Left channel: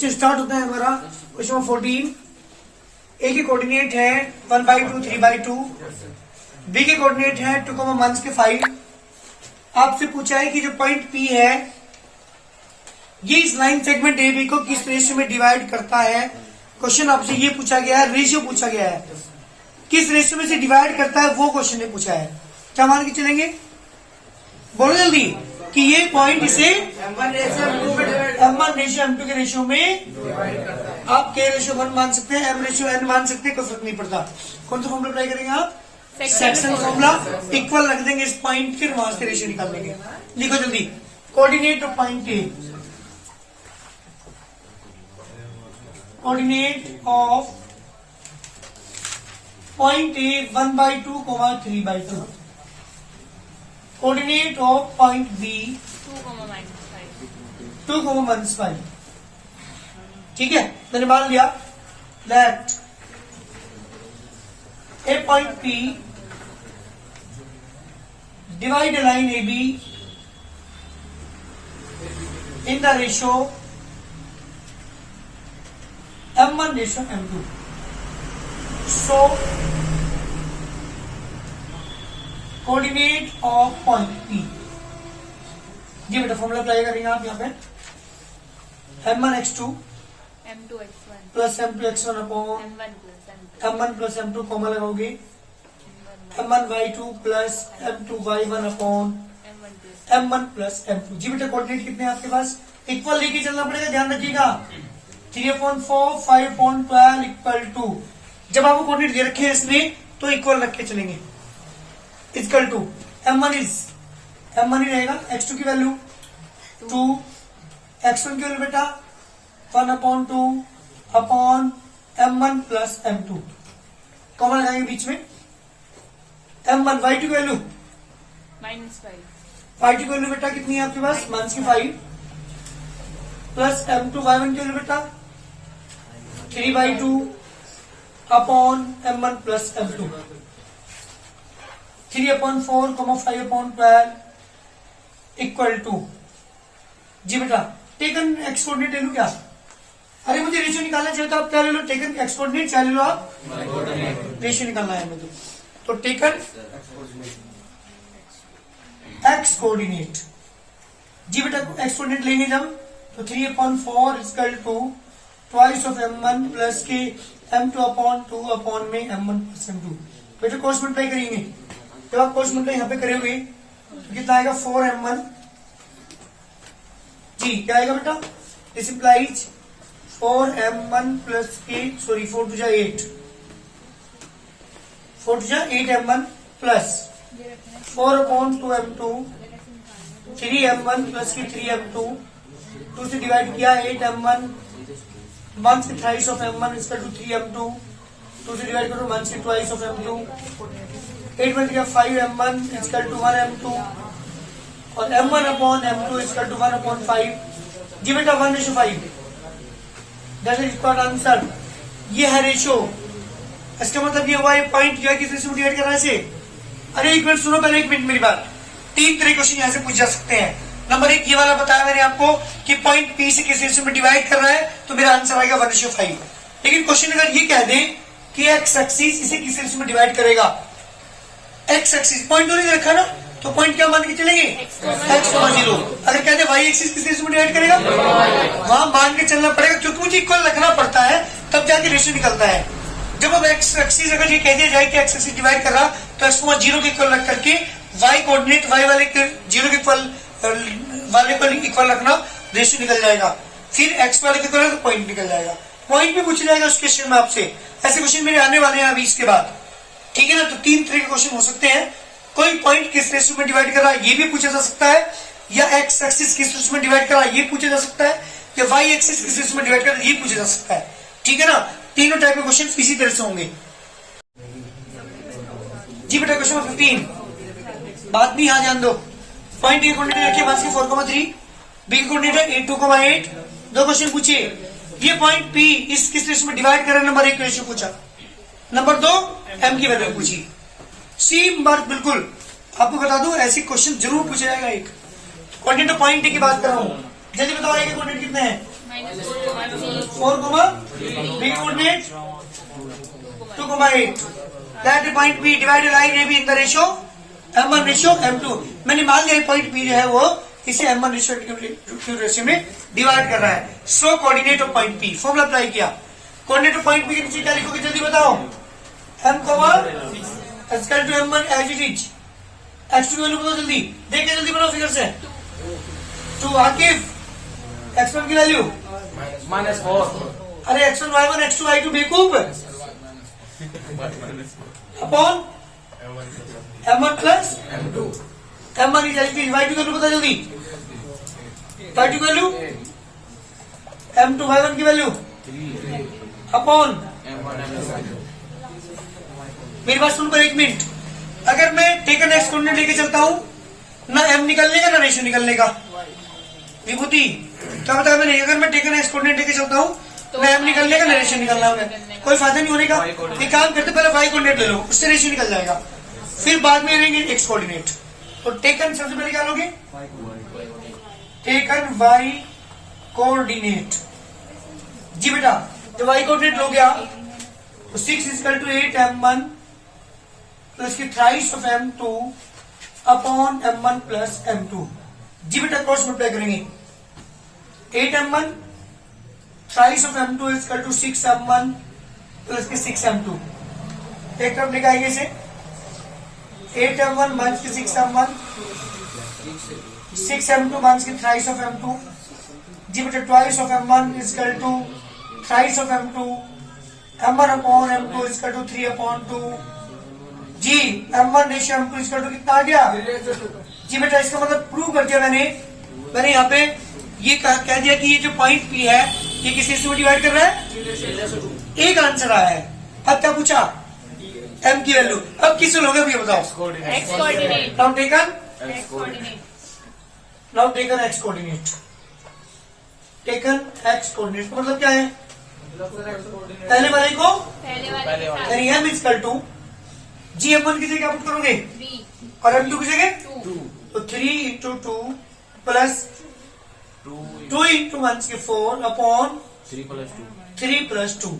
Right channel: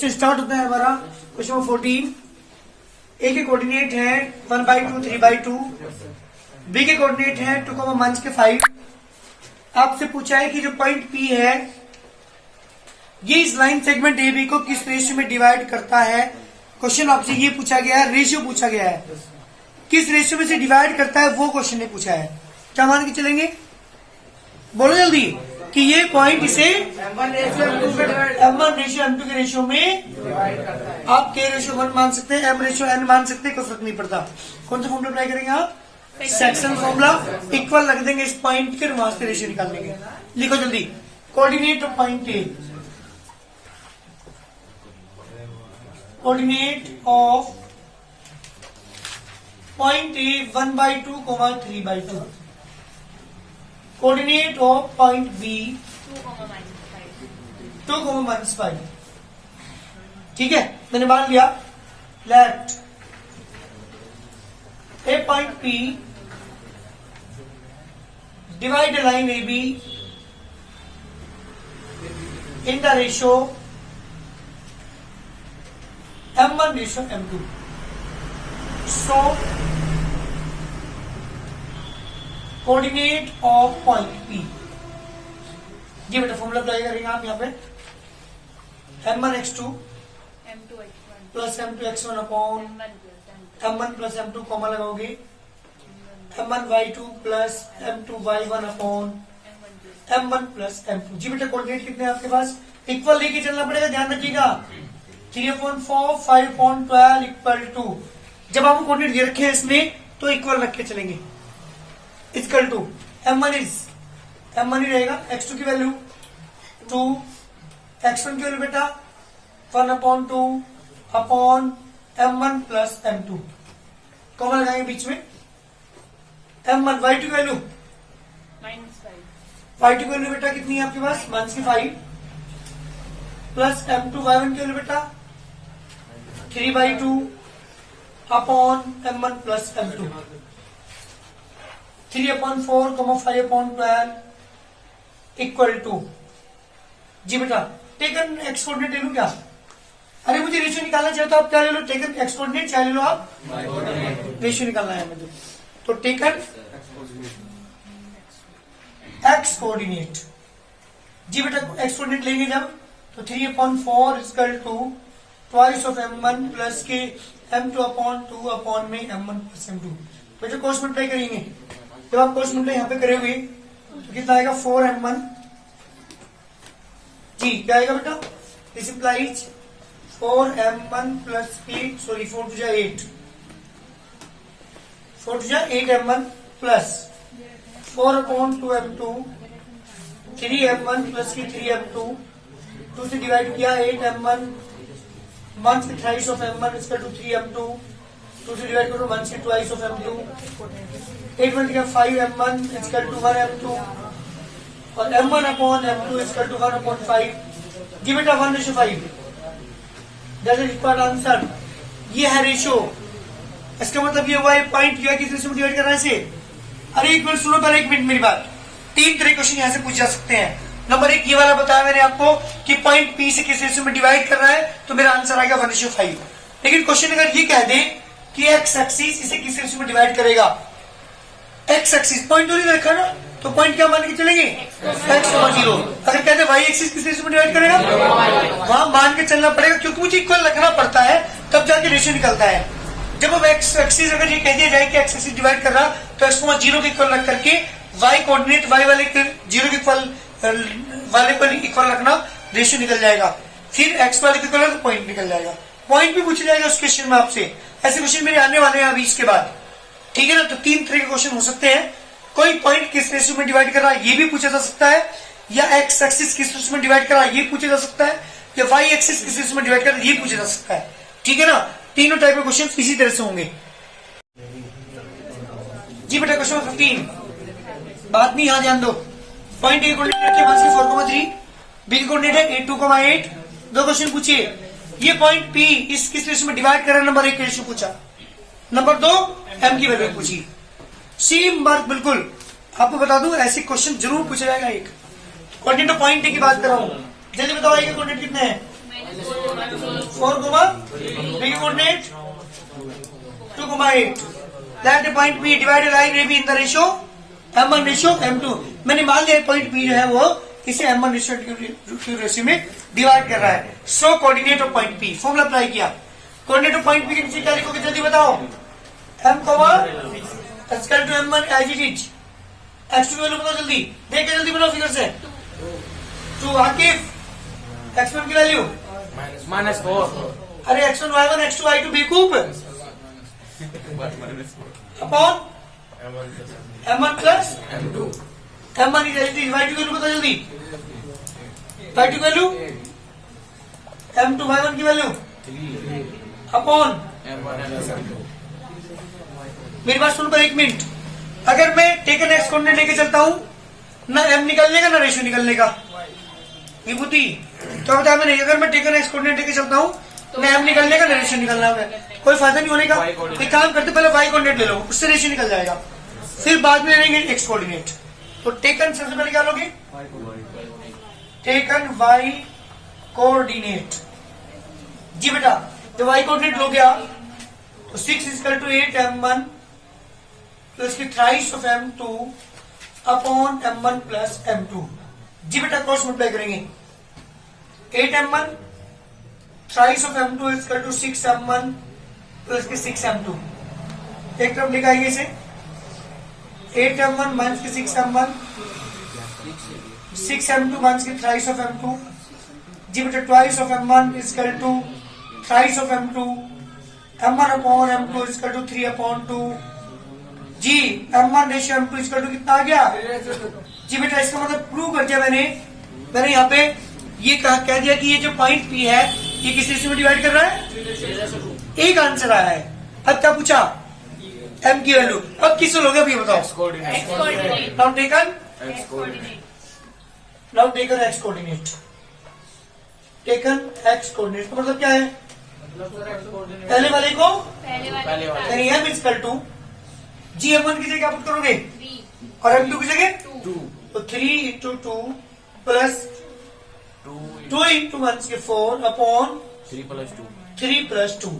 Start होता है हमारा क्वेश्चन 14। ए के कोऑर्डिनेट है 1/2 3/2, बी के कोऑर्डिनेट है 2, के 5। आपसे पूछा है कि जो पॉइंट पी है ये इस लाइन सेगमेंट ए बी को किस रेशियो में डिवाइड करता है। क्वेश्चन आपसे ये पूछा गया है, रेशियो पूछा गया है, किस रेशियो में से डिवाइड करता है वो क्वेश्चन ने पूछा है। क्या मान के चलेंगे, बोलो जल्दी कि ये पॉइंट इसे M1 रेशियो M2 के रेशियो में आप K रेशियो 1 मान सकते हैं, M रेशियो N मान सकते हैं, कोई फर्क नहीं पड़ता। कौन सा फॉर्मूला ट्राई करेंगे आप, सेक्शन फॉर्मूला। इक्वल रख देंगे इस पॉइंट के, वहां से रेशियो निकाल लेंगे। लिखो जल्दी, coordinate of point A, coordinate of point A 1/2, 3/2, coordinate of point B 2, -5। ठीक है, मैंने मान लिया। Let a point P divide line A B in the ratio M1 ratio M2। So coordinate of point P, जी बेटा formula apply करेंगे आप यहाँ पे। M1x2 plus M2x1 upon M1 plus M2 common लगाओगे, M1y2 plus M2y1 upon M1 plus M2। जी बेटा coordinate कितने हैं आपके पास, इक्वल लेके चलना पड़ेगा, ध्यान रखिएगा। 3/4 5/12 इक्वल टू, जब आपको कोऑर्डिनेट दे रखे हैं इसमें तो इक्वल रख के चलेंगे। इक्वल टू M1 ही रहेगा, x2 की वैल्यू 2, x1 की वैल्यू बेटा 1/2 upon M1 plus M2 common लगाएंगे बीच में। M1 y2 की वैल्यू y2 की वैल्यू बेटा कितनी है आपके पास, -5 प्लस M2 y1 की वैल्यू बेटा 3/2 upon M1 plus M2। 3/4, 5/12 equal to, जी बेटा टेकन एक्स कोऑर्डिनेट ले लू क्या, अरे मुझे रेशियो निकालना चाहिए तो आप क्या ले लो, टेकन एक्स कोऑर्डिनेट, क्या ले लो आप, रेशियो निकालना है मुझे, तो टेकन एक्स कोऑर्डिनेट। जी बेटा एक्स कोऑर्डिनेट लेंगे जब तो 3/4 equal to twice of M1 plus के M2/2 अपॉन में M1 प्लस M2। बेटा क्रॉस मल्टीप्लाई करेंगे, जब आप क्रॉस मल्टीप्लाई यहाँ पे करेंगे तो कितना आएगा 4M1। जी क्या आएगा बेटा, this implies 4M1 plus 8, sorry 4 2 8, 4 2 8M1 plus 4/2M2, 3M1 plus की 3M2, 2 से डिवाइड किया 8M1, 1 से thrice of M1 equal to 3M2, 2 से डिवाइड करो 1 से ट्वाइस ऑफ M2, 8 में दिया 5M1 इक्वल टू 1M2 और M1 upon M2 equal to 1/5। जी बेटा 1:5 दैट इज कॉल्ड आंसर। ये है रेशियो, इसका मतलब ये हुआ ये पॉइंट जो है किस रेशियो में डिवाइड कर रहा है इसे। अरे एक मिनट सुनो, पहले 1 मिनट मेरी बात। 3 तरह क्वेश्चन यहाँ से पूछ जा सकते हैं। नंबर 1 ये वाला बताया मैंने आपको कि पॉइंट पी से किस रेशियो में डिवाइड कर रहा है, तो मेरा आंसर आएगा 1:5। लेकिन क्वेश्चन अगर ये कह दे कि एक्स एक्सिस इसे किस रेशियो में डिवाइड करेगा, एक्स एक्सिस पॉइंट तो नहीं रखा ना, तो पॉइंट क्या मान के चलेंगे, x,0। अगर कहते वाई एक्सिस किस रेशियो में डिवाइड करेगा, वहां मान के चलना पड़ेगा, क्योंकि मुझे इक्वल रखना पड़ता है तब जाके रेशियो निकलता है। जब अब एक्स एक्सिस अगर ये कह दिया जाए कि एक्स एक्सिस डिवाइड कर रहा, तो x,0 के इक्वल रख करके वाई कोऑर्डिनेट वाई वाले 0 के इक्वल वाले को इक्वल रखना, रेशियो निकल जाएगा। फिर एक्स वाले के इक्वल तो पॉइंट निकल जाएगा। पॉइंट भी पूछा जाएगा उस क्वेश्चन में आपसे, ऐसे क्वेश्चन मेरे आने वाले हैं अभी इसके बाद, ठीक है ना। तो 3 तरह के क्वेश्चन हो सकते हैं, कोई पॉइंट किस रेशियो में डिवाइड कर रहा है ये भी पूछा जा सकता है, या एक्स एक्सिस किस रेशियो में डिवाइड कर रहा है ये पूछा जा सकता है, या वाई एक्सिस किस रेशियो में डिवाइड कर रहा है ये पूछा जा सकता है, ठीक है ना। तीनों टाइप के क्वेश्चन इसी तरह से होंगे। जी बेटा क्वेश्चन 15, बात नहीं यहाँ ध्यान दो। पॉइंट ए कोऑर्डिनेट रखिए 1 से 4,3, बी कोऑर्डिनेट है 8 2,8। 2 क्वेश्चन पूछिए, ये पॉइंट पी इस किस रेशियो में डिवाइड कर रहा है, नंबर 1 रेशियो पूछा, नंबर 2 M की वैल्यू पूछी। सी मार्क बिल्कुल आपको बता दूं, ऐसे क्वेश्चन जरूर पूछा जाएगा। एक कोऑर्डिनेट पॉइंट की बात कर रहा हूँ, जल्दी बताओ आएगा कोऑर्डिनेट कितने हैं। B coordinate 2,8. Let the point P divide a line AB in the ratio M1 ratio M2. मैंने मान लिया पॉइंट P जो है वो इसे M1 रेशियो में डिवाइड कर रहा है. So coordinate of point P formula apply किया. कोऑर्डिनेट ऑफ पॉइंट P के नीचे क्या लिखोगे जल्दी बताओ. M equal to M1 as it is. x2 की वैल्यू बताओ जल्दी. देख के जल्दी बनाओ फिगर से. टू आकिफ x1 की वैल्यू -4 अरे x1 y1 x2 y2 बेवकूफ अपॉन M1 प्लस M1 की y2 की वैल्यू बताओ जल्दी. y2 की वैल्यू M2 y1 की वैल्यू अपॉन. मेरी बात सुनकर एक मिनट. अगर मैं टेकन एक्स कोऑर्डिनेट लेके चलता हूं ना M निकलने का ना रेशियो निकलने का. विभूति क्या बताया मैंने. अगर मैं टेकन एक्स कोऑर्डिनेट लेके चलता हूं ना M निकलने का ना रेशियो निकलना है. कोई फायदा नहीं होने का. एक काम करते पहले y कोऑर्डिनेट ले लो उससे रेशियो निकल जाएगा. फिर बाद में लेंगे एक्स कोऑर्डिनेट. तो टेकन सबसे पहले क्या लोगे. Taken y coordinate. जी बेटा जब y कोऑर्डिनेट लोगे आप तो 6 इक्वल टू 8 M1 प्लस की thrice of M2 upon M1 plus M2. जी बेटा क्रॉस मल्टीप्लाई करेंगे. 8 M1 thrice of M2 equal to 6 M1 plus की 6 M2. एक तरफ लिखाएंगे इसे. 8 M1 माइनस की 6 M1 6 M2 माइनस की थ्राइस ऑफ M2. जी बेटा twice of M1 equal to thrice of M2. M1 upon M2 equal to 3 upon 2. जी M1 ratio M2 equal to कितना आ गया. जी बेटा इसका मतलब प्रूव कर दिया मैंने यहाँ पे ये कह दिया कि ये जो पॉइंट P है ये किस रेशियो में डिवाइड कर रहा है. एक आंसर आया है. अब क्या पूछा M की वैल्यू. अब किससे लोगे अब ये बताओ. Now taken X coordinate. Taken X coordinate तो मतलब क्या है. पहले वाले को यानी M equal to ji M1 की जगह क्या पुट करोगे और M2 की जगह 2. तो 3 इंटू 2 प्लस 2 इंटू 1 की 4 अपॉन 3 प्लस 2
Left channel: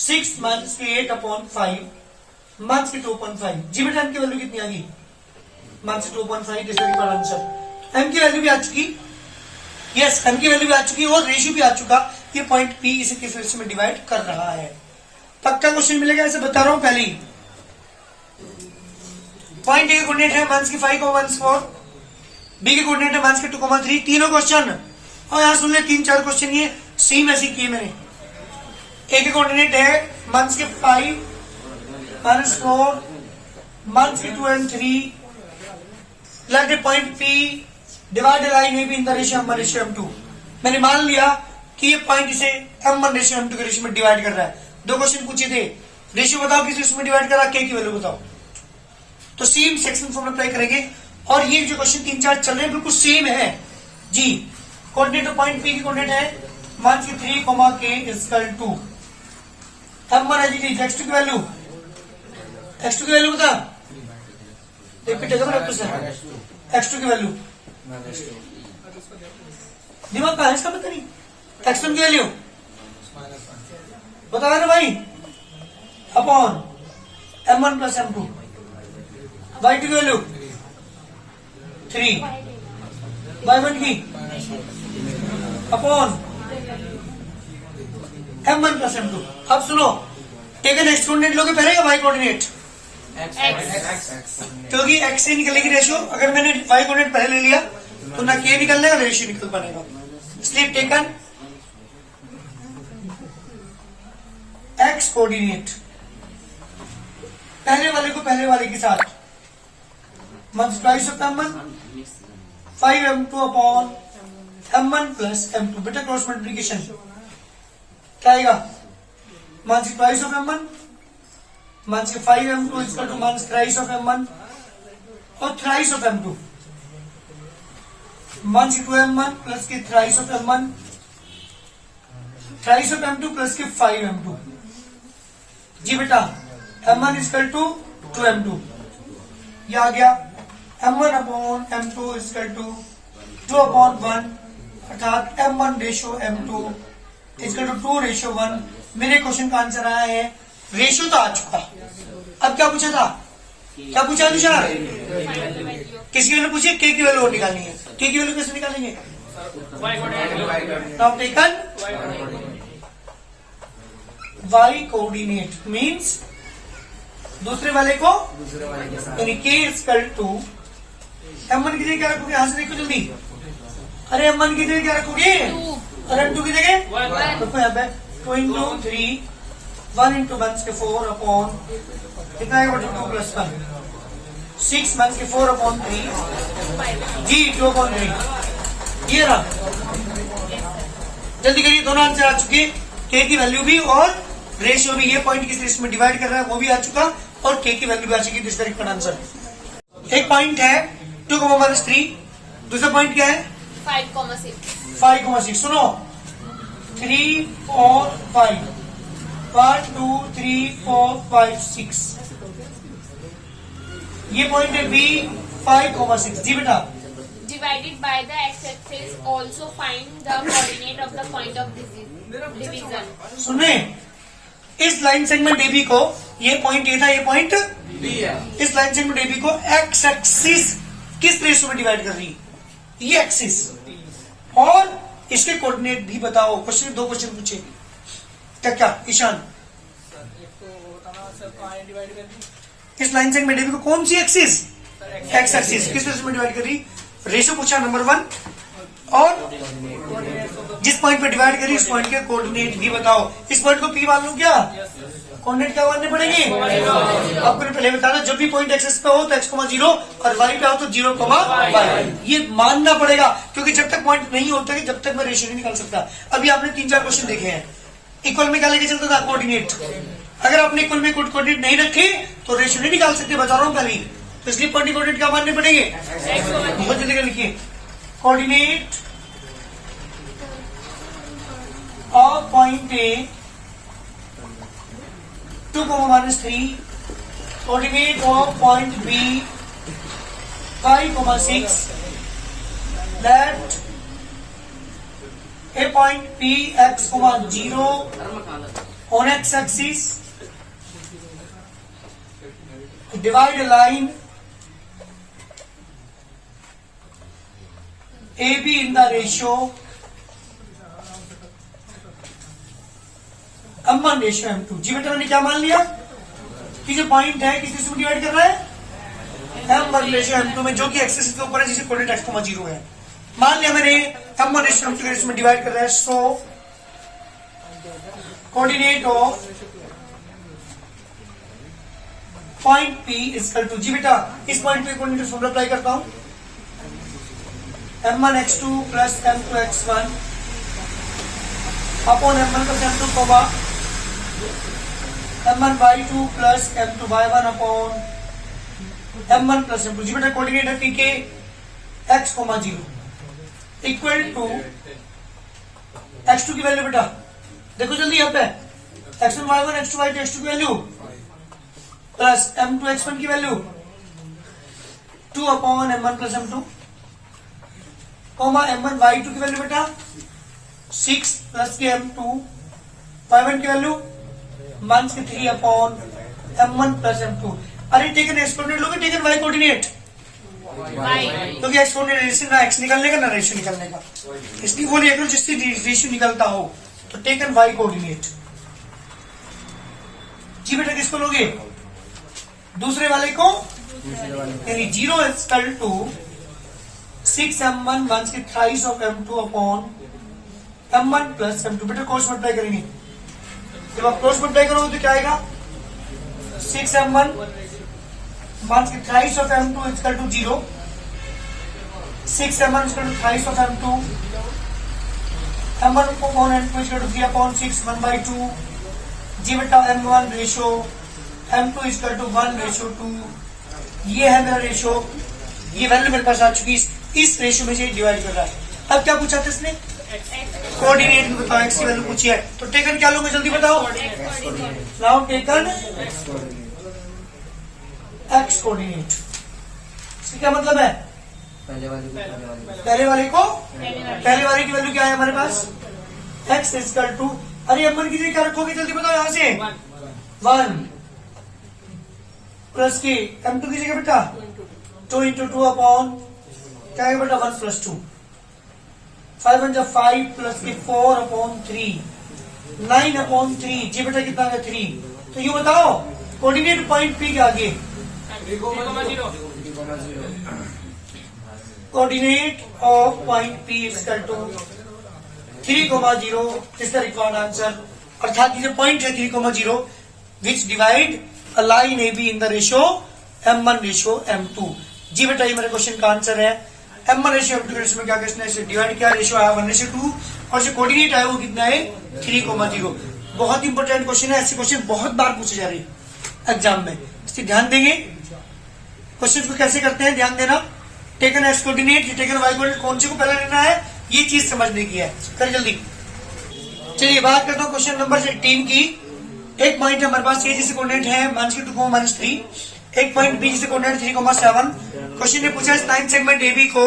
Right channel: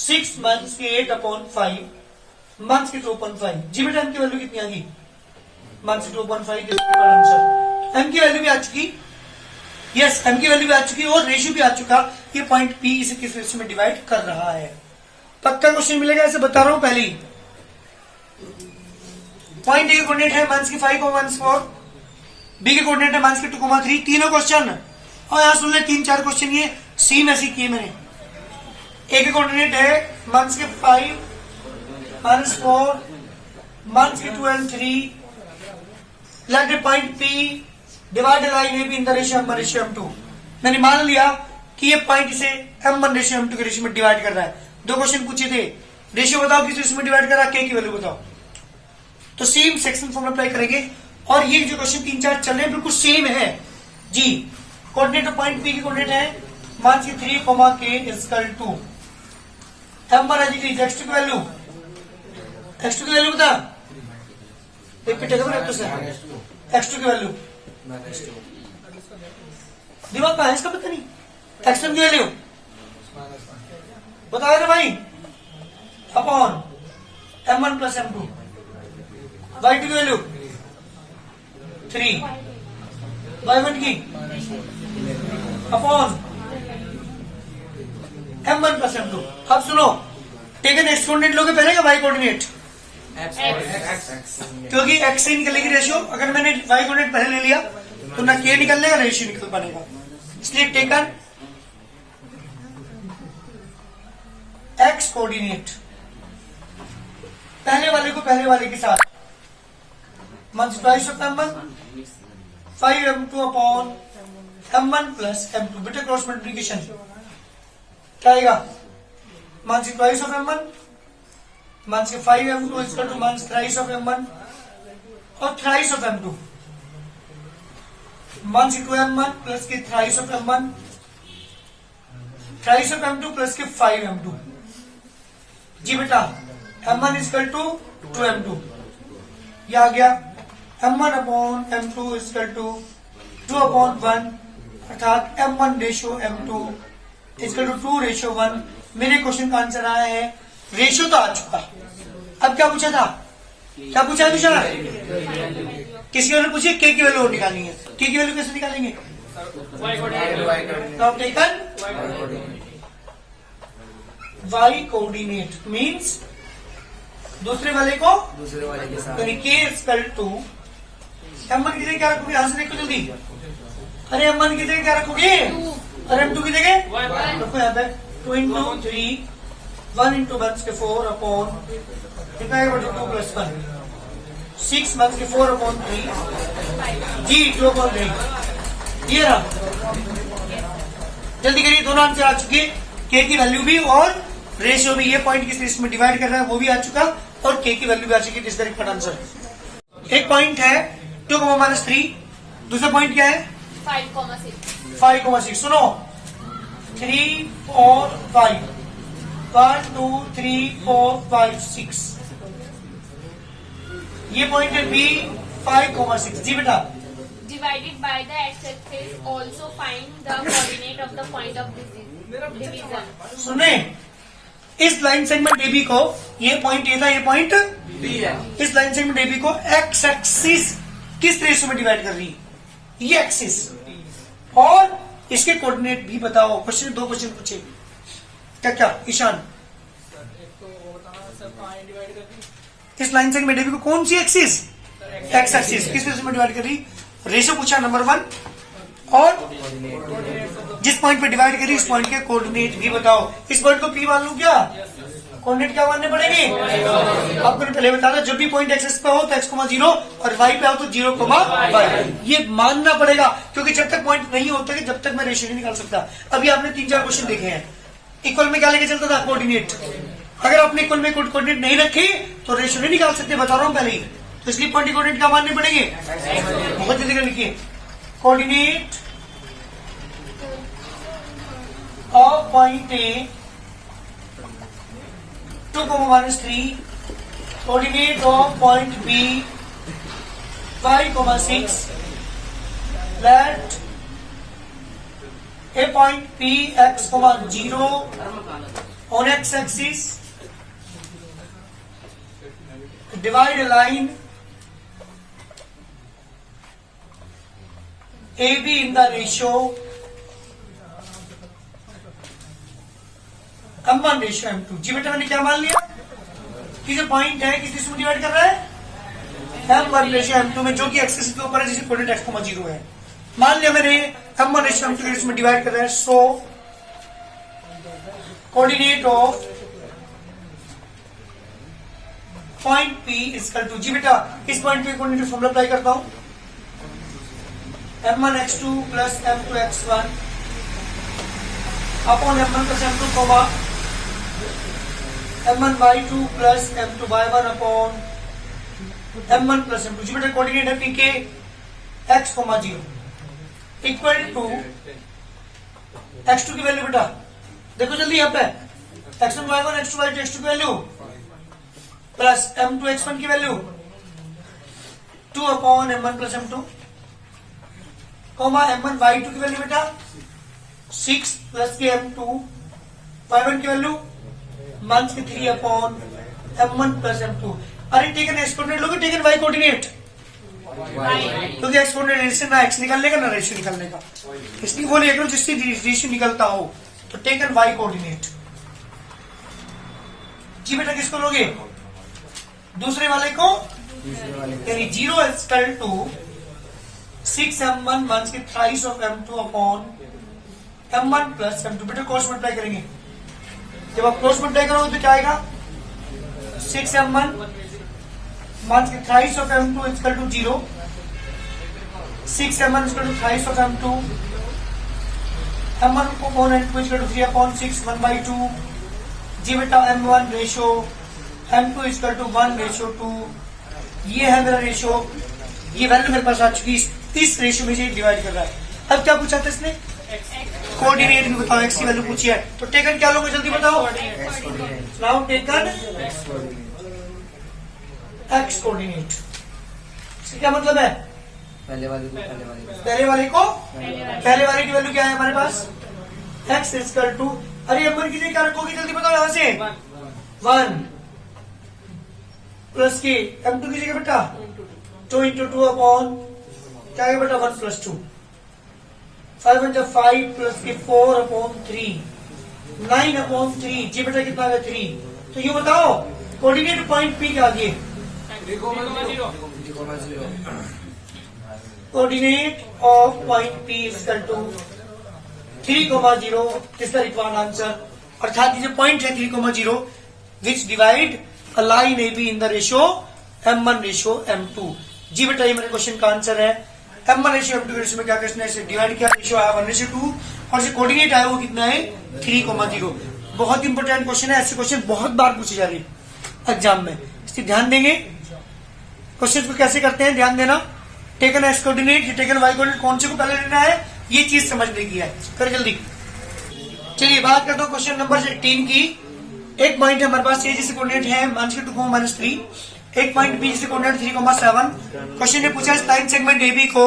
6 माइनस की 8 अपॉन 5 माइनस की 2.5. जी बेटा M की वैल्यू कितनी आ गई. Minus 2.5 this is answer. M की वैल्यू भी आ चुकी. यस M की वैल्यू भी आ चुकी और रेशियो भी आ चुका. ये पॉइंट P इसे किस रेशियो में डिवाइड कर रहा है. पक्का क्वेश्चन मिलेगा ऐसे बता रहा हूं पहले ही. पॉइंट A के कोऑर्डिनेट है माइनस की 5,4. B के कोऑर्डिनेट है माइनस की 2,3. तीनों क्वेश्चन और यहां सुन ले 3-4 क्वेश्चन ये सेम ऐसे किए मैंने. A के कोऑर्डिनेट है माइनस की 5 -4 माइनस की 2 and 3. Let the point P divide line AB in the ratio M1 ratio M2. मैंने मान लिया कि ये पॉइंट इसे M1 रेशियो M2 के रेशियो में डिवाइड कर रहा है. 2 क्वेश्चन पूछे थे. रेशियो बताओ किस रेशियो में डिवाइड कर रहा है. K की वैल्यू बताओ. तो सेम सेक्शन फॉर्म अप्लाई करेंगे और ये जो क्वेश्चन 3-4 चल रहे हैं बिल्कुल सेम है जी. कोऑर्डिनेट ऑफ पॉइंट P की कोऑर्डिनेट है मान की 3, K equal to M1 as x2 की वैल्यू. x2 की वैल्यू बता. रिपीटेगा ना से x2 की वैल्यू दिमाग का है इसका पता नहीं. x1 की वैल्यू बता रहे भाई upon M1 plus M2. y2 की वैल्यू 3 y1 की अपॉन M1 प्लस M2. अब सुनो टेकन एक्स कोऑर्डिनेट लोगे पहले का y कोऑर्डिनेट क्योंकि x से निकलेगी रेशियो. अगर मैंने y कोऑर्डिनेट पहले ले लिया तो ना K निकलने का रेशियो निकल बनेगा. इसलिए टेकन x कोऑर्डिनेट पहले वाले को पहले वाले के साथ multiply of M1 5 M2 upon M1 plus M2. बेटा क्रॉस मल्टीप्लिकेशन क्या आएगा. मल्टीप्लाई ऑफ M1 माइनस के 5 M2 equal to minus thrice of M1 और thrice of M2 minus 2 M1 plus की thrice of M1 thrice of M2 plus के 5 M2. जी बेटा M1 equal to 2 M2 ये आ गया. M1 upon M2 equal to 2 upon 1 अर्थात M1 ratio M2 is equal to 2:1। मेरे question का आंसर आया है, रेशियो तो आ चुका। अब क्या पूछा था, क्या पूछा है विशाल? किसी वैल्यू पूछिए, के की वैल्यू निकालनी है। के की वैल्यू कैसे निकालेंगे? Now taken y coordinate means दूसरे वाले को, यानी k इक्वल टू m1 की जगह क्या रखोगे? यहां से देखो जल्दी। अरे m1 की जगह क्या रखोगे? और m2 की जगह रखो यहाँ पे 2 into 3 1 into 1/4 अपॉन कितना है? 2 + 1 6 1/4 अपॉन 3 जी 2/3। ये रहा, जल्दी करिए। दोनों आंसर आ चुके, के की वैल्यू भी और रेशियो भी। ये पॉइंट किस रेशियो में डिवाइड कर रहा है वो भी आ चुका, और के की वैल्यू भी आ चुकी। This correct answer. एक पॉइंट है 2, -3। दूसरा पॉइंट क्या है? 5,6। सुनो 3 4 5 1 2 3 4 5 6। ये पॉइंट है बी 5,6। जी बेटा, Divided by the x-axis, also find the coordinate of the point of division. सुने, इस लाइन सेगमेंट एबी को, ये पॉइंट ए था, ये पॉइंट बी है। इस लाइन सेगमेंट एबी को एक्स एक्सिस किस रेशियो में डिवाइड कर रही है? ये एक्सिस। और इसके कोऑर्डिनेट भी बताओ। क्वेश्चन 2 क्वेश्चन पूछे, क्या ईशान? इस लाइन सेगमेंट एबी को कौन सी एक्सिस? एक्स एक्सिस किस रेशियो में डिवाइड कर रही? रेशियो पूछा नंबर 1, और जिस पॉइंट पे डिवाइड करी उस पॉइंट के कोऑर्डिनेट भी बताओ। इस पॉइंट को पी मान लूं क्या? कोऑर्डिनेट क्या मानने पड़ेंगे? आपको पहले बताना, जब भी पॉइंट एक्सिस पे हो तो x,0 और y पे हो तो 0,y। ये मानना पड़ेगा, क्योंकि जब तक पॉइंट नहीं होता जब तक मैं रेशियो नहीं निकाल सकता। अभी आपने 3-4 क्वेश्चन देखे हैं। इक्वल में क्या लेके चलता था? कोऑर्डिनेट। अगर आपने इक्वल में कोऑर्डिनेट नहीं रखे तो रेशियो नहीं निकाल सकते, बता रहा हूं पहले ही। तो इसलिए पॉइंट कोऑर्डिनेट क्या मानने पड़ेंगे? बहुत जल्दी लिखिए, coordinate of point A 2, -3, coordinate of point B 5,6, that a point P x, 0 on x axis, divide a line AB in the ratio M1 ratio M2। जी बेटा, मैंने क्या मान लिया कि जो पॉइंट है किस रेशियो में डिवाइड कर रहा है? M1 रेशियो M2 में, जो कि एक्सिस के ऊपर है, जिसे कोऑर्डिनेट x, 0 है। मान लिया मैंने M1 रेशियो M2 में डिवाइड कर रहा है। So coordinate of point P equal to, जी बेटा इस पॉइंट पे कोऑर्डिनेट फॉर्मूला अप्लाई करता हूं, M1 x2 plus M2 x1 upon M1 plus M2 comma M1 y2 plus M2 y1 upon M1 plus M2। जी बेटा कोऑर्डिनेट है P के x, 0 इक्वल टू x2 की वैल्यू। बेटा देखो जल्दी यहाँ पे, x1 y1 x2 y2 x2 की वैल्यू प्लस M2 x1 की value 2 upon M1 plus M2 comma M1 y2 की वैल्यू बेटा 6 प्लस के M2 y1 की value -3 upon M1 plus M2। अरे टेकन एक्स कोऑर्डिनेट लोगे, टेकन y कोऑर्डिनेट, क्योंकि x coordinate से ना एक्स निकालने का ना रेशियो निकालने का, इसलिए वो लिख लो जिससे रेशियो निकलता हो। तो टेकन वाई कोऑर्डिनेट। जी बेटा किसको लोगे? दूसरे वाले को, यानी 0 इक्वल टू 6M1 1 की thrice of M2 upon M1 plus M2। बेटा क्रॉस मल्टीप्लाई करेंगे, जब आप क्रॉस मल्टीप्लाई करोगे तो क्या आएगा? 6M1 1 की thrice of M2 equal to 0, 6M1 equal to thrice of M2, M1 upon M2 equal to 3 upon 6 1/2। जी बेटा M1 ratio M2 equal to 1:2। ये है मेरा रेशियो, ये वैल्यू मेरे पास आ चुकी, इस रेशियो में से डिवाइड कर रहा है। अब क्या पूछा था इसने? कोऑर्डिनेट भी बताओ, एक्स की वैल्यू पूछी है, तो टेकन क्या लोगे जल्दी बताओ। Now taken X coordinate. इसका क्या मतलब है? पहले वाले की वैल्यू क्या है हमारे पास? x इक्वल टू, अरे m1 की जगह क्या रखोगे जल्दी बताओ यहाँ से, 1 प्लस की m2 की जगह बेटा 2 इंटू 2 अपॉन क्या है बेटा 1 प्लस 2, 5 1 जा 5 प्लस की 4 अपॉन 3, 9 अपॉन 3, जी बेटा कितना है 3। तो ये बताओ कोऑर्डिनेट पॉइंट P के आगे, coordinate of point P equal to 3,0 is the required answer, अर्थात ये पॉइंट है 3,0 which divide a line A B in the ratio m1 ratio m2। जी बेटा ये मेरे क्वेश्चन का आंसर है। m1 रेशियो m2 रेशियो में क्या क्वेश्चन है, इसे डिवाइड किया, रेशियो आया 1:2 और जो कोऑर्डिनेट आया वो कितना है 3,0। बहुत इंपॉर्टेंट क्वेश्चन है, ऐसे क्वेश्चन बहुत बार पूछे जा रहे हैं एग्जाम में, इसलिए ध्यान देंगे। क्वेश्चन को कैसे करते हैं ध्यान देना, taken X coordinate, taken Y coordinate, कौन से को पहले लेना है ये चीज समझने की है। कर जल्दी, चलिए बात करता हूँ क्वेश्चन नंबर 18 की। एक पॉइंट हमारे पास ये जिसे कोऑर्डिनेट है -2, -3, एक पॉइंट बी जिसे कोऑर्डिनेट 3,7। क्वेश्चन ने पूछा इस लाइन सेगमेंट एबी को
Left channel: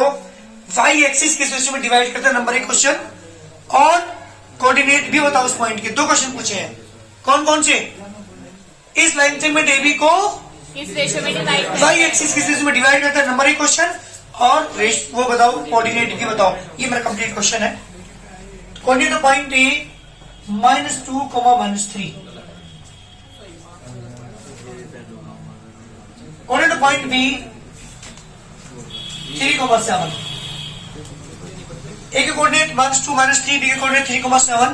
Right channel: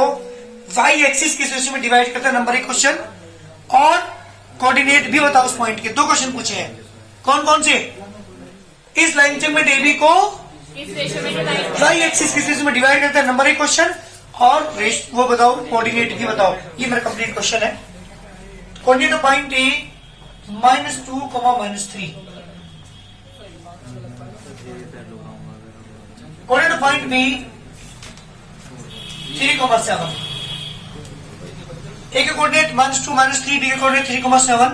वाई एक्सिस किस रेशियो में डिवाइड करता है, नंबर 1 क्वेश्चन, और कोऑर्डिनेट भी बताओ उस पॉइंट के। 2 क्वेश्चन पूछे हैं, कौन कौन से, इस लाइन सेगमेंट एबी को किस रेशियो में डिवाइड, वाई एक्सिस किस रेशियो में डिवाइड करता है, नंबर 1 क्वेश्चन, और वो बताओ कोऑर्डिनेट की बताओ। ये मेरा कंप्लीट क्वेश्चन है। Coordinate of point A -2, -3, coordinate of point B 3,7, A के कोऑर्डिनेट -2, -3, बी के coordinate 3,7।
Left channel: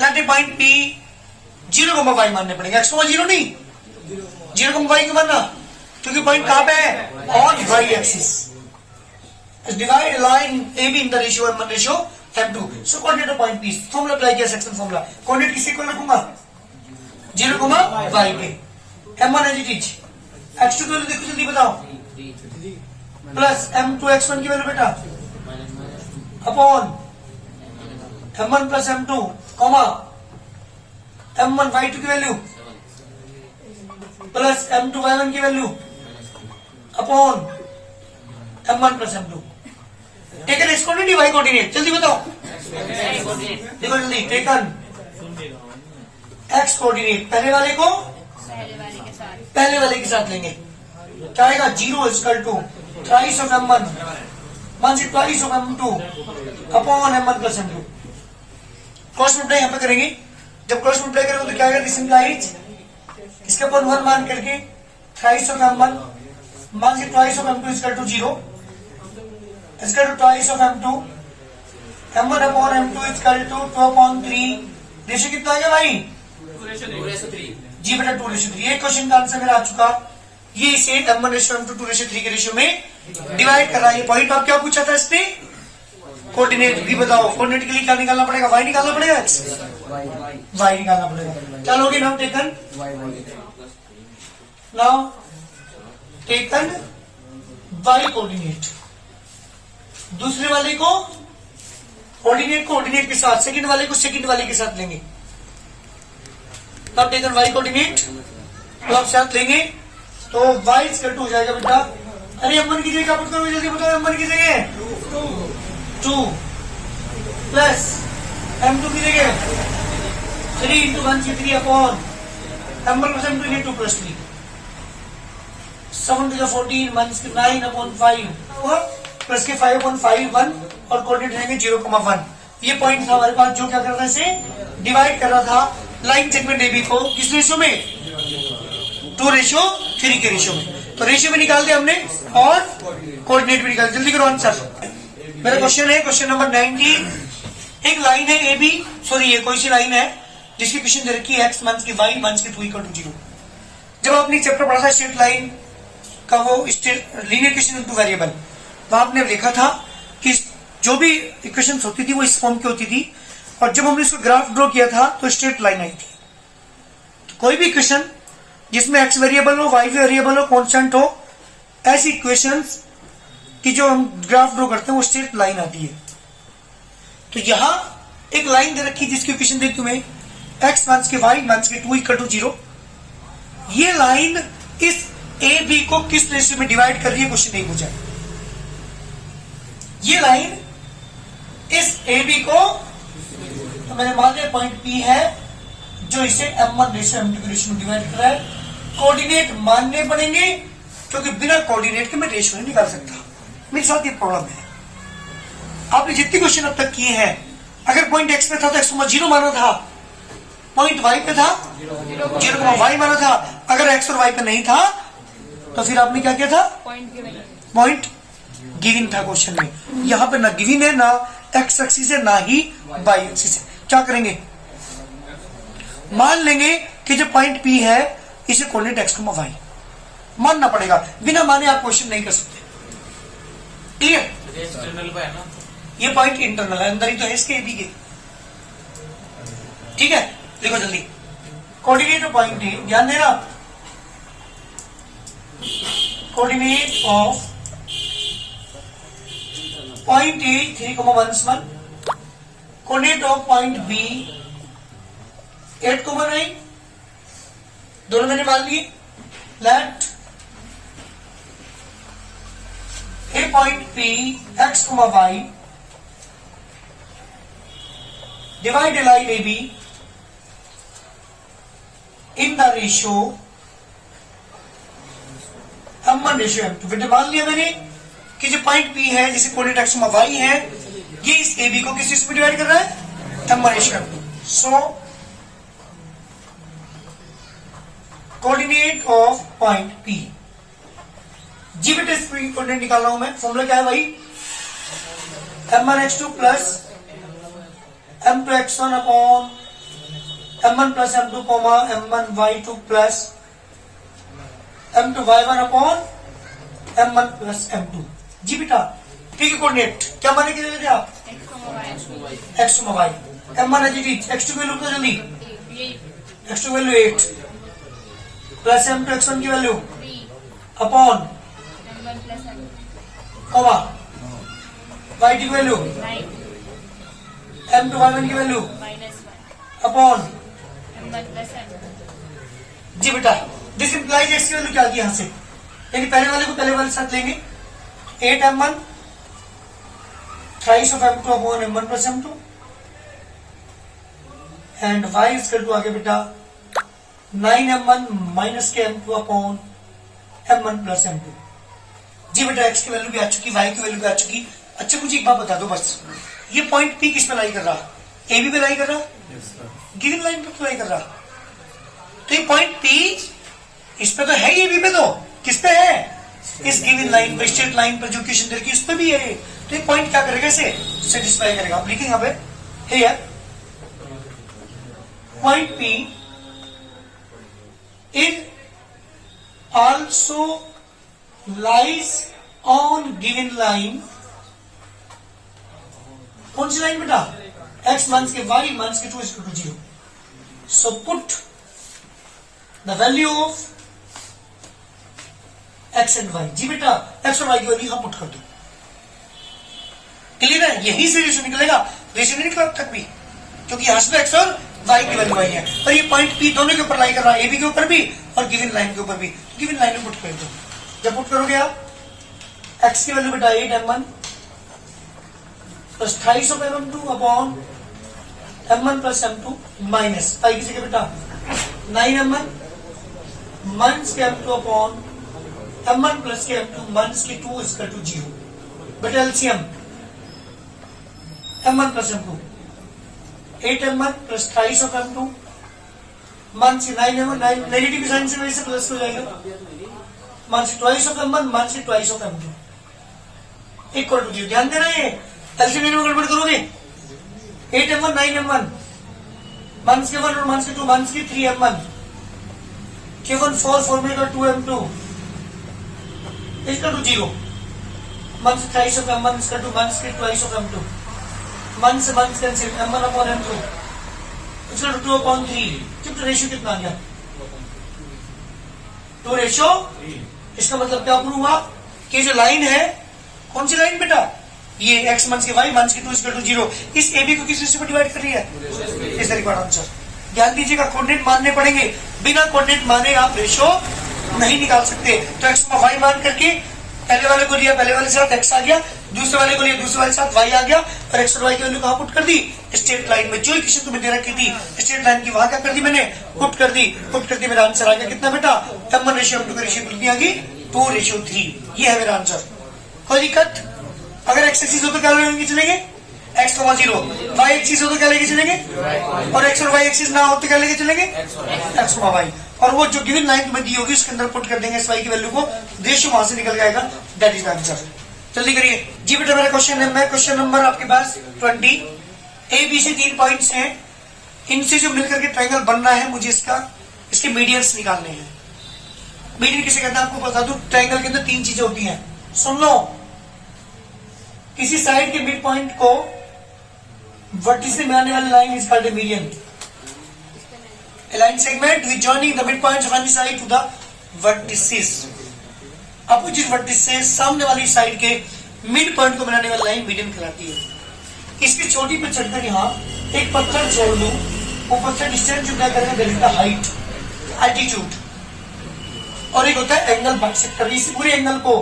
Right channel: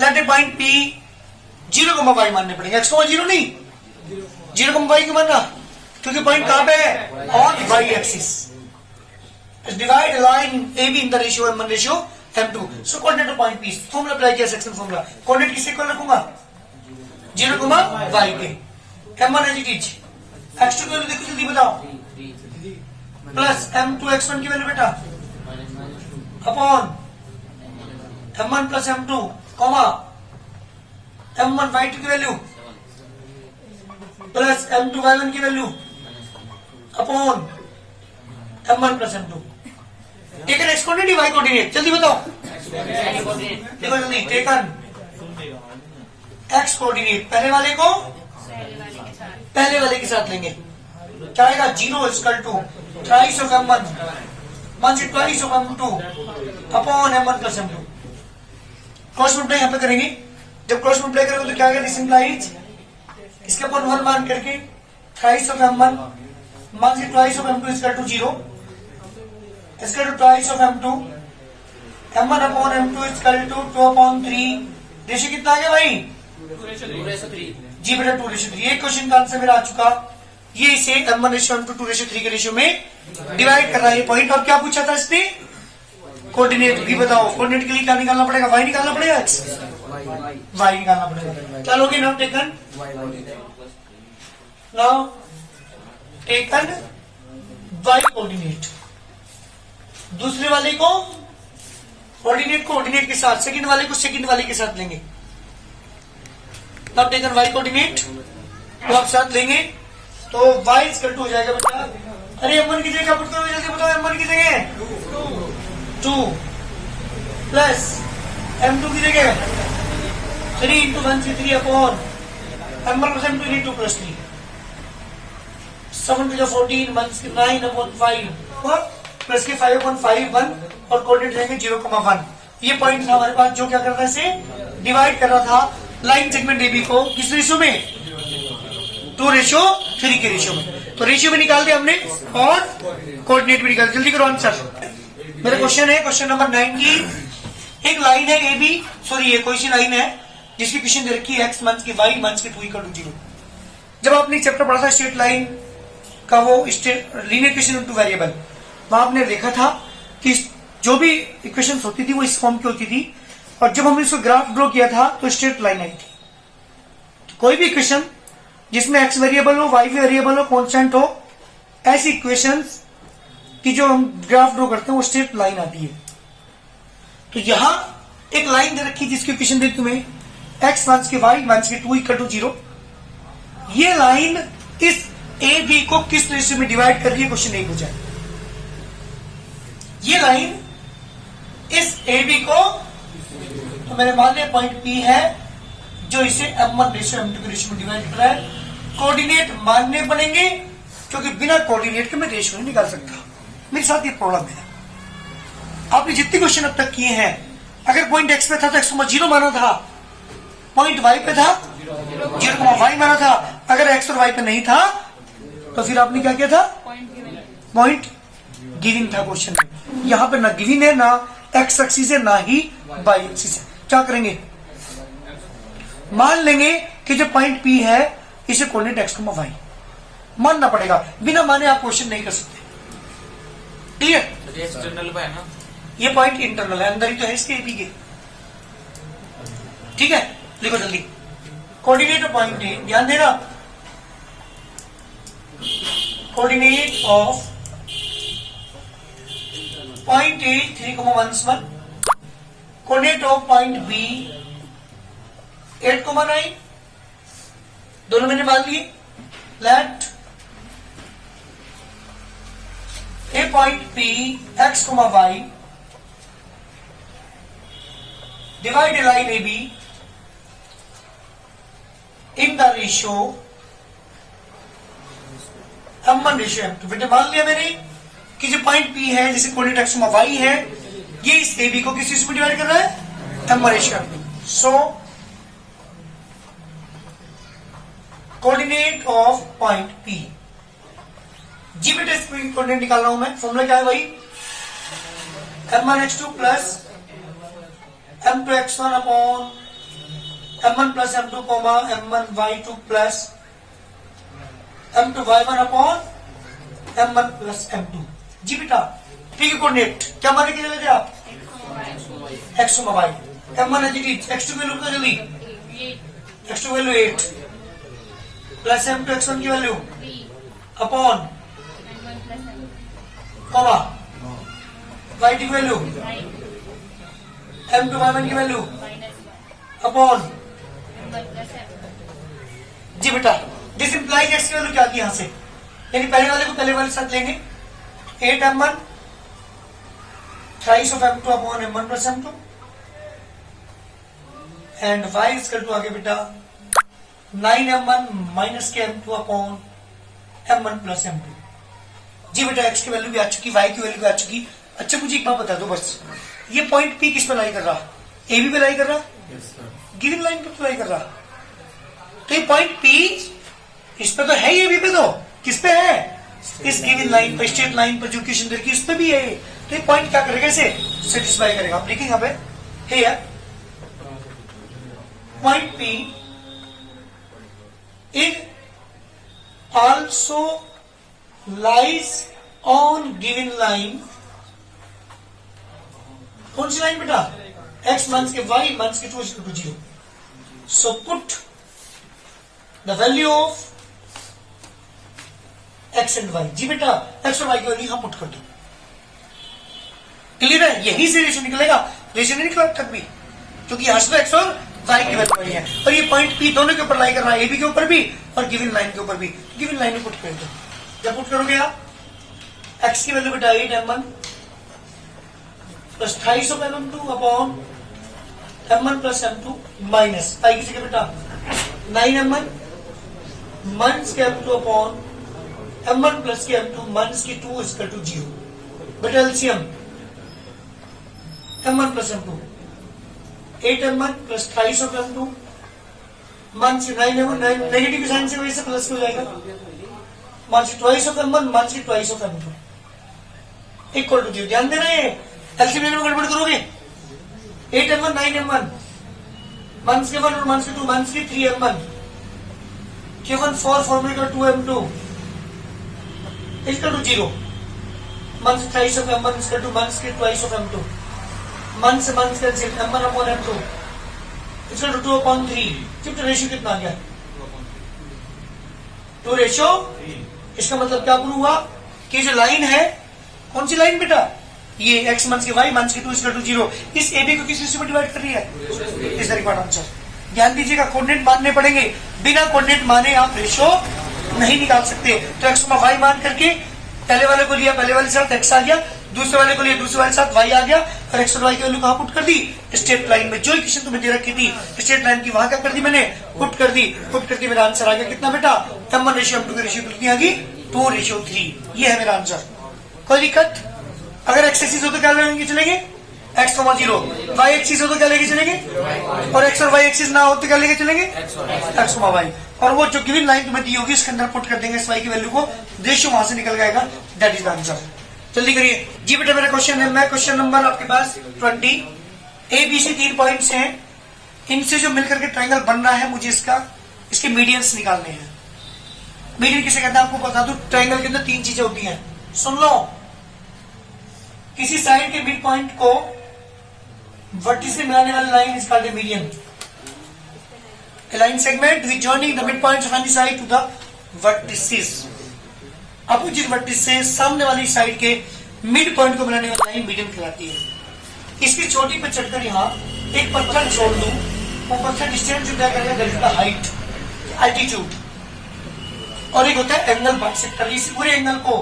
Let a point P 0,y मानने पड़ेंगे, x, 0 नहीं, 0,y क्यों मानना, क्योंकि पॉइंट कहां पे है, on Y axis. Divide line A B in the ratio m1 ratio m2। So coordinate of point P, formula apply किया, सेक्शन फॉर्मूला, कोऑर्डिनेट किससे इक्वल रखूंगा 0,y पे, m1 as it is, x2 की value देखो जल्दी बताओ, plus m2 x1 की value बेटा upon m1 plus m2 comma m1 y2 की वैल्यू प्लस m2 y1 की value upon m1 plus m2। Taken X coordinate Y coordinate, जल्दी बताओ, देखो जल्दी, टेकन एक्स कोऑर्डिनेट पहले वाले के साथ लेंगे, क्या आएगा 0 equal to thrice of m1 minus twice of m2 upon m1 plus m2। Cross multiply यहाँ पे करेंगे, जब क्रॉस मल्टीप्लाई करेंगे तो क्या आएगा, दिस इंप्लाइज इसके अपॉन 1 मान करके thrice of m1 minus twice of m2 equal to 0 equal to twice of m2, m1 upon m2 equal to 2/3। Ratio कितना आ गया भाई, 2:3। जी बेटा 2:3। ये क्वेश्चन का आंसर मेरा आ चुका। ये इसे m1 रेशियो m2 2:3 के रेशियो में डिवाइड कर रहा है ये पॉइंट। अब क्या पूछा था इसने, कोऑर्डिनेट भी बताओ, कोऑर्डिनेट के लिए क्या निकालना पड़ेगा, वाई निकालना पड़ेगा, वाई निकालना पड़ेगा। चलोगे now taken, now taken Y coordinate, दूसरे वाले को कोऑर्डिनेट को ऑर्डिनेट के साथ, सेकंड वाले को सेकंड वाले के साथ लेंगे। तब टेकन वाई कोऑर्डिनेट तो आप साथ लेंगे तो वाई इक्वल टू हो जाएगा बेटा, अरे m1 की जगह क्या पुट करोगे जल्दी बताओ, m1 की जगह 2 प्लस m2 की जगह 3 इंटू 1 से 3 upon m1 plus m2 2 plus 3 7 to 14 minus 9 upon 5 plus के 5/5 1 और कोऑर्डिनेट रहेंगे 0,1। ये पॉइंट था हमारे पास जो क्या कर रहा है, इसे डिवाइड कर रहा था लाइन सेगमेंट एबी को किस रेशियो में, 2:3 के रेशियो में। तो रेशियो में निकाल दिया हमने और कोऑर्डिनेट भी निकाल, जल्दी करो आंसर। मेरा क्वेश्चन है क्वेश्चन नंबर 19। एक लाइन है ए बी, सॉरी ये कोई सी लाइन है जिसकी क्वेश्चन दे रखी है x माइनस के y माइनस के 2 = 0। जब आपने चैप्टर पढ़ा था स्ट्रेट लाइन का, वो लीनियर इक्वेशन इनटू वेरिएबल, वहां आपने देखा था कि जो भी इक्वेशन होती थी वो इस फॉर्म की होती थी, और जब हमने इसको ग्राफ ड्रॉ किया था तो स्ट्रेट लाइन आई थी। तो कोई भी इक्वेशन जिसमें x वेरिएबल हो, y वेरिएबल हो, कांस्टेंट हो, ऐसी इक्वेशंस की जो हम ग्राफ ड्रॉ करते हैं वो स्ट्रेट लाइन आती है। तो यहां एक लाइन दे रखी जिसकी इक्वेशन देखी तुम्हें x माइनस के y माइनस के 2 = 0। ये लाइन इस ए बी को किस रेशियो में डिवाइड कर रही है, क्वेश्चन नहीं पूछा। ये लाइन इस ए बी को तो मैंने मान लिया पॉइंट P है जो इसे m1 रेशो m2 के रेशो में डिवाइड कर रहा है। कोऑर्डिनेट मानने पड़ेंगे क्योंकि बिना कोऑर्डिनेट के मैं रेशो नहीं निकाल सकता। मेरे साथ ये प्रॉब्लम है। आपने जितने क्वेश्चन अब तक किए हैं, अगर पॉइंट x पे था तो x को 0 माना था, पॉइंट y पे था 0,y माना था। अगर x और y पे नहीं था तो फिर आपने क्या किया था? पॉइंट गिविंग था क्वेश्चन में। यहां पे ना गिविंग है, ना x एक्सिस है, ना ही y एक्सिस है। क्या करेंगे? मान लेंगे कि जो पॉइंट P है इसे कोऑर्डिनेट x, y मानना पड़ेगा। बिना माने आप क्वेश्चन नहीं कर सकते। क्लियर? एक्सटर्नल पे है ना, ये पॉइंट इंटरनल है, अंदर ही तो है इसके भी के। ठीक है, लिखो जल्दी। कोऑर्डिनेट ऑफ पॉइंट ए, ध्यान देना, coordinate of point A 3,1, coordinate of point B 8,9, दोनों मैंने मान लिए। Let a point P x, y divide a line AB in the ratio m1 ratio m2। बेटे मान लिया मैंने कि जो पॉइंट P है जिसे कोऑर्डिनेट x, y है, ये इस AB को किस चीज में डिवाइड कर रहा है? m1 ratio m2। So coordinate of point P, जी बेटे इस कोऑर्डिनेट निकाल रहा हूं मैं। फॉर्मूला क्या है भाई? m1x2 plus m2x1 upon m1 plus m2 comma m1y2 plus m2y1 upon m1 plus m2। जी बेटा, ठीक है। कोऑर्डिनेट क्या माने के लिए थे आप? x, y। m1 है जी, x2 की वैल्यू कितनी जल्दी? x2 की वैल्यू 8 प्लस m2 x1 की वैल्यू अपॉन कॉमा y की वैल्यू m2 y1 की वैल्यू अपॉन। जी बेटा, दिस इंप्लाइज x की वैल्यू क्या थी यहां से? यानी पहले वाले को पहले वाले साथ लेंगे। 8m1 thrice of m2 upon m1 plus m2 and y is equal to आगे बेटा 9m1 माइनस के m2 upon m1 plus m2। जी बेटा, x की वैल्यू भी आ चुकी, y की वैल्यू भी आ चुकी। अच्छा मुझे एक बात बता दो बस, ये पॉइंट P किस पे लाई कर रहा? ए बी पे लाई कर रहा? गिवन लाइन पे लाई कर रहा। तो ये पॉइंट P इस पे तो है, ये बी पे तो किस पे है? इस गिवन लाइन पे, स्ट्रेट लाइन पर जो इक्वेशन दे रखी है उस पे भी है ये। तो ये पॉइंट क्या करेगा? इसे सेटिस्फाई करेगा। आप लिखेंगे यहाँ पे है point P is also lies on given line। कौन सी लाइन बेटा? x माइनस के y माइनस के 2 is equal to 0। So put the value of x and y। जी बेटा, x और y की वैल्यू यहां पुट कर दो। क्लियर है? यही से रेशो निकलेगा, रेशो नहीं निकला तक भी, क्योंकि यहां से x और y की वैल्यू आई है। और ये पॉइंट P दोनों के ऊपर लाई कर रहा है, AB के ऊपर भी और गिवन लाइन के ऊपर भी। गिवन लाइन में पुट कर दो। जब पुट करोगे आप x की वैल्यू बेटा 8m1 plus 2.5 of m2 upon m1 plus m2 minus y की जगह बेटा 9m1 माइनस के m2 अपॉन m1 प्लस के m2 माइनस के 2 इज इक्वल टू 0। बेटा LCM m1 plus m2 8m1 plus 2.5 of m2 minus के 9m1, negative की sign से वही से प्लस हो जाएगा, minus twice of m1 minus twice of m2 equal to 0। ध्यान देना, ये एलसीएम में गड़बड़ करोगे। 8m1 9m1 माइनस के 1 और माइनस के 2 माइनस के 3m1 केवल 4 फॉर्मूले का 2m2 equal to 0। Minus twice of m1 equal to minus के twice of m2 minus minus cancel m1 upon m2 equal to 2 upon 3। कितना रेशियो कितना आ गया? 2 रेशो। इसका मतलब क्या प्रूव हुआ कि जो लाइन है, कौन सी लाइन बेटा? ये x माइनस के y माइनस के 2 इक्वल टू 0, इस AB को किस रेशो में डिवाइड कर रही है? इस रिक्वायर्ड आंसर। ध्यान दीजिएगा, कोऑर्डिनेट मानने पड़ेंगे, बिना कोऑर्डिनेट माने आप रेशो नहीं निकाल सकते। तो x y मान करके पहले वाले को लिया, पहले वाले से x आ गया, दूसरे वाले को लिए दूसरे वाले के साथ y आ गया और x और y की वैल्यू कहाँ पुट कर दी, स्ट्रेट लाइन में। जो इक्वेशन तुम्हें दे रखी थी स्ट्रेट लाइन की वहां क्या कर दी मैंने, पुट कर दी। मेरा आंसर आ गया कितना बेटा, m1 रेशियो m2 की रेशियो कितनी आ गई, 2:3। ये है मेरा आंसर। कोई दिक्कत? अगर x एक्सिस हो तो क्या लेंगे चलेंगे, x, 0। y एक्सिस हो तो क्या लेके चलेंगे, और x और y एक्सिस ना हो तो क्या लेके चलेंगे, x, y। और वो जो गिवन लाइन तुम्हें दी होगी उसके अंदर पुट कर देंगे इस y की वैल्यू को, रेशियो वहां से निकल जाएगा। That is answer. जल्दी करिए जी बेटा, मेरा क्वेश्चन है, मैं क्वेश्चन नंबर आपके पास 20, ABC 3 पॉइंट्स हैं, इनसे जो मिलकर के ट्रायंगल बनना है मुझे इसके मीडियंस निकालने हैं। मीडियन किसे कहते हैं आपको बता दूं, ट्रायंगल के अंदर 3 चीजें होती हैं, सुन लो। किसी साइड के मिड पॉइंट को वर्टिस से मिलाने वाली line is called a median. A line segment which joining the midpoints of any side to the vertices। Opposite vertex से सामने वाली साइड के मिड पॉइंट को मिलाने वाली लाइन मीडियन कहलाती है। इसकी चोटी पर चढ़कर यहाँ एक पत्थर छोड़ दूं, वो पत्थर डिस्टेंस जो तय करेगा that is the height, altitude. और एक होता है एंगल बाइसेक्टर। इस पूरे एंगल को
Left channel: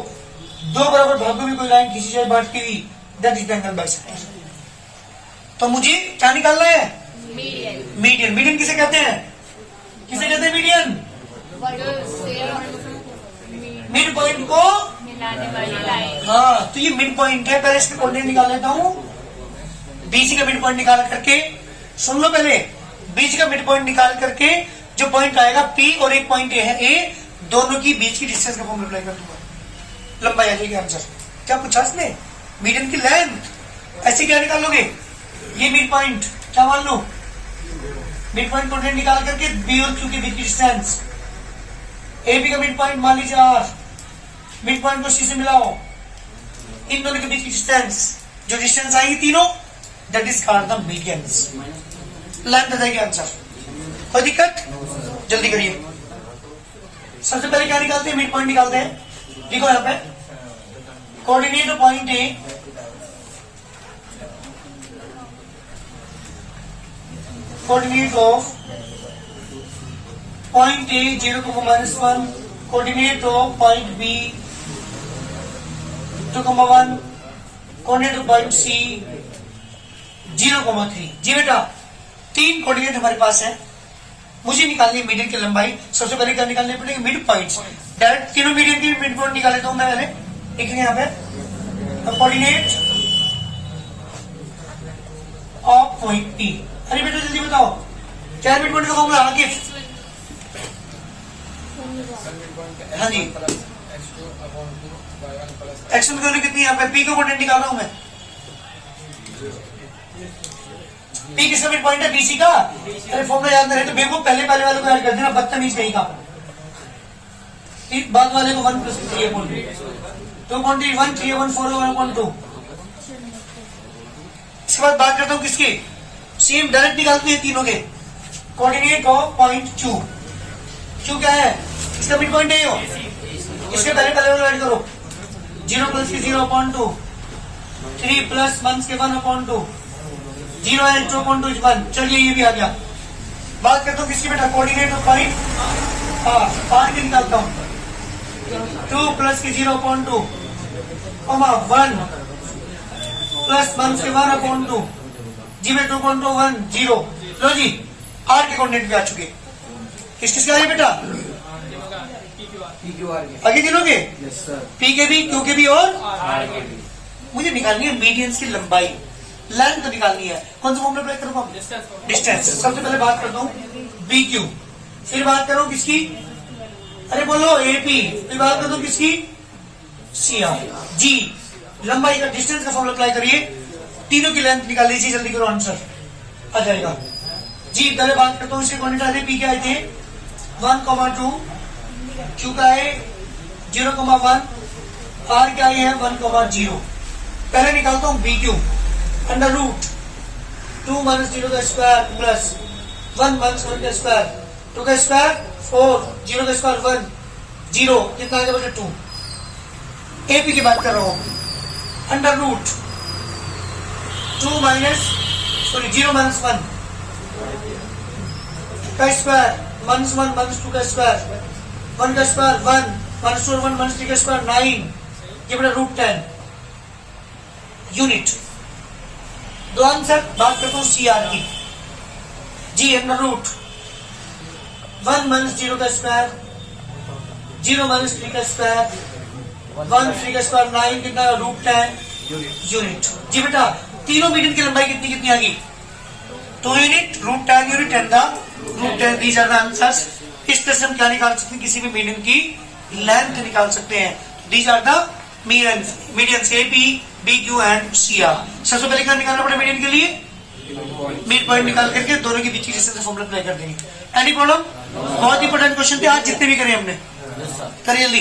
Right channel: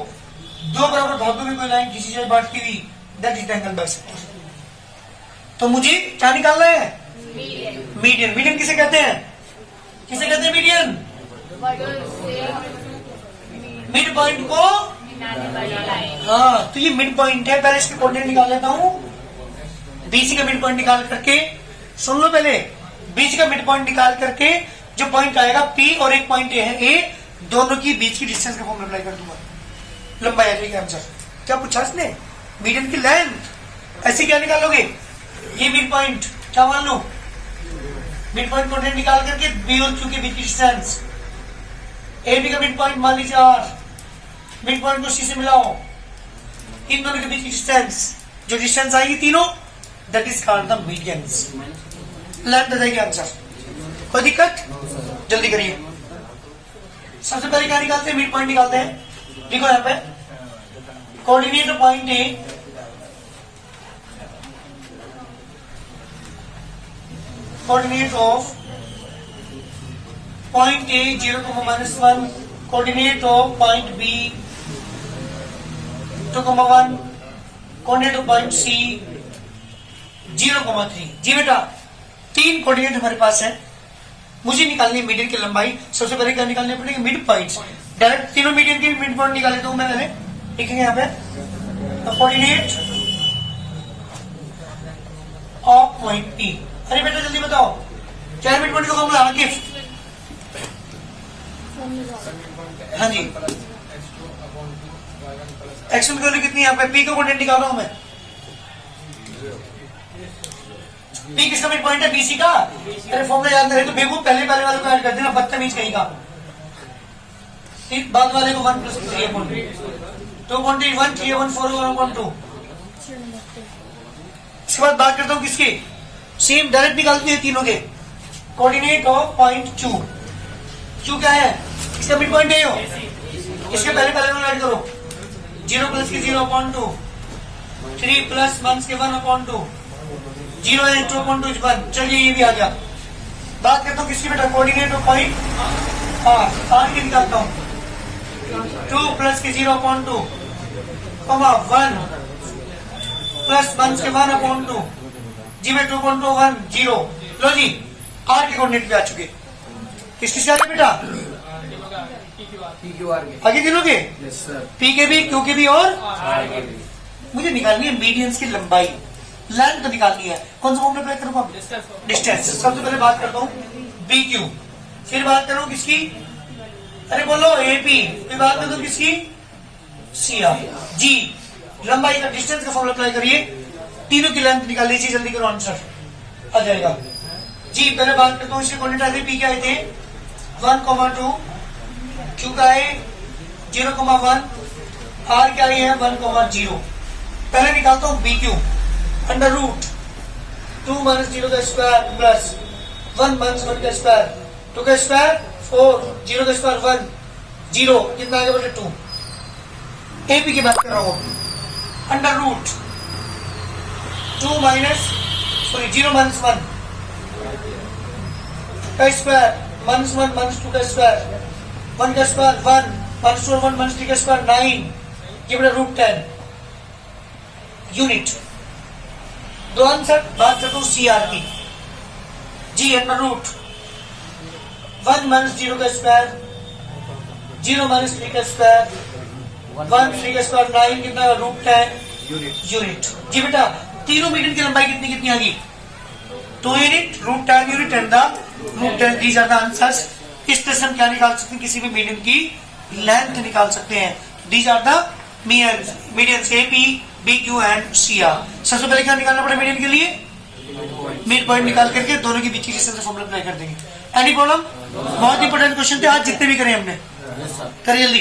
दो बराबर भागों में कोई लाइन खींची जाए बांटती हुई, that is the angle bisector. तो मुझे क्या निकालना है, मीडियन। मीडियन किसे कहते हैं, किसे कहते हैं मीडियन, मिड पॉइंट को, हाँ तो ये मिड पॉइंट है। पहले इसके कोऑर्डिनेट निकाल लेता हूँ, बीसी का मिड पॉइंट निकाल करके, सुन लो पहले, बीसी का मिड पॉइंट निकाल करके जो पॉइंट आएगा पी और एक पॉइंट ए है ए, दोनों की बीच की डिस्टेंस का फॉर्मूला अप्लाई कर दूंगा, लंबाई आ जाएगी आंसर। क्या पूछा इसने, मीडियन की लेंथ। ऐसे क्या निकालोगे, ये मिड पॉइंट क्या मान लो, मिड पॉइंट कोऑर्डिनेट निकाल करके बी और क्यू के बीच की डिस्टेंस, ए बी का मिड पॉइंट मान लीजिए आर, मिड पॉइंट को सी से मिलाओ, इन दोनों के बीच की डिस्टेंस, जो डिस्टेंस आएगी तीनों, that is called the medians. Length आ जाएगी आंसर। कोई दिक्कत, जल्दी करिए। सबसे पहले क्या निकालते हैं, मिड पॉइंट निकालते हैं। देखो यहाँ पे coordinate of point A, coordinate of point A 0,-1, coordinate of point B 2,1, coordinate of point C 0,3। जी बेटा, 3 कोऑर्डिनेट हमारे पास है, मुझे निकालनी मीडियन की लंबाई। सबसे पहले क्या निकालनी पड़ेगी, मिड पॉइंट्स। डायरेक्ट तीनों मीडियन की मिड पॉइंट निकाल लेता हूं मैं पहले, देखेंगे यहाँ पे कोऑर्डिनेट ऑफ पॉइंट पी। अरे बेटा जल्दी बताओ, क्या मिड पॉइंट का फॉर्मूला, आतिफ? हाँ जी, एक्शन की वैल्यू कितनी है यहाँ पे, पी का कोऑर्डिनेट निकाल रहा हूं मैं। पी किसका मिड पॉइंट है, बीसी का। अरे फॉर्मूला याद नहीं रहे तो बेवकूफ पहले वाले को ऐड कर देना, बदतमीज कहीं का। बाद वाले को 1 + 3 2 क्वांटिटी 1 3 1 4 1.2। इसके बाद बात करता हूँ किसकी, सेम डायरेक्ट निकालते हैं तीनों के। Coordinate of point Q, Q क्या है, इसका मिड पॉइंट ए हो, इसके पहले वाले ऐड करो, 0 + 0.2, 3 + 1 के 1.2, 0 है 2.2 is 1। चलिए ये भी आ गया। बात करता हूँ किसकी बेटा, कोऑर्डिनेट ऑफ पॉइंट आर की निकालता हूँ, 2 + 0.2, 1 + 1 के 1.2, जी में 2.2 1 0। लो जी, आर के कोऑर्डिनेट भी आ चुके। किस किसके आगे बेटा, आगे गिनोगे, पी के भी, क्यू के भी और मुझे निकालनी है मीडियंस की लंबाई, लेंथ तो निकालनी है। कौन सा फॉर्मूला अप्लाई करूंगा, डिस्टेंस। सबसे पहले बात करता हूँ बी क्यू, फिर बात करूँ किसकी, अरे बोलो ए पी, फिर बात करता हूँ किसकी, सी आर। जी, लंबाई का डिस्टेंस का फॉर्मूला अप्लाई करिए, तीनों की लेंथ निकाल लीजिए, जल्दी करो आंसर आ जाएगा। जी पहले बात करता हूँ इसके कोऑर्डिनेट आते, पी के आए थे 1,2, क्यू का है 0,1, आर का है 1,0। पहले निकालता हूँ बी क्यू, अंडर रूट 2 - 0 का स्क्वायर प्लस 1 - 1 का स्क्वायर, 2 का स्क्वायर 4, 0 का स्क्वायर 1, 0 कितना आएगा बेटा 2। एपी की बात कर रहा हूँ, अंडर रूट 0 - 1 का स्क्वायर, -1 -2 का स्क्वायर, 1 का स्क्वायर 1, -2 1 -3 का स्क्वायर 9, ये बेटा √10। यूनिट। दो आंसर। बात करता हूँ CR की। जी अंडर रूट 1 माइनस 0 का स्क्वायर, 0 माइनस 3 का स्क्वायर, 1 3 का स्क्वायर 9 कितना रूट 10 यूनिट। जी बेटा तीनों मीडियन की लंबाई कितनी कितनी आ गई? 2 unit, root 10 unit and the root 10। These are the answers. इस तरह से हम क्या निकाल सकते हैं? किसी भी मीडियन की लेंथ निकाल सकते हैं। These are the medians, medians AP, BQ and CR। सबसे पहले क्या निकालना पड़ेगा मीडियन के लिए? मिड पॉइंट निकाल करके दोनों के बीच की फॉर्मूला अप्लाई कर देंगे। Any problem? बहुत इंपॉर्टेंट क्वेश्चन थे आज जितने भी करे हमने। करिए जल्दी।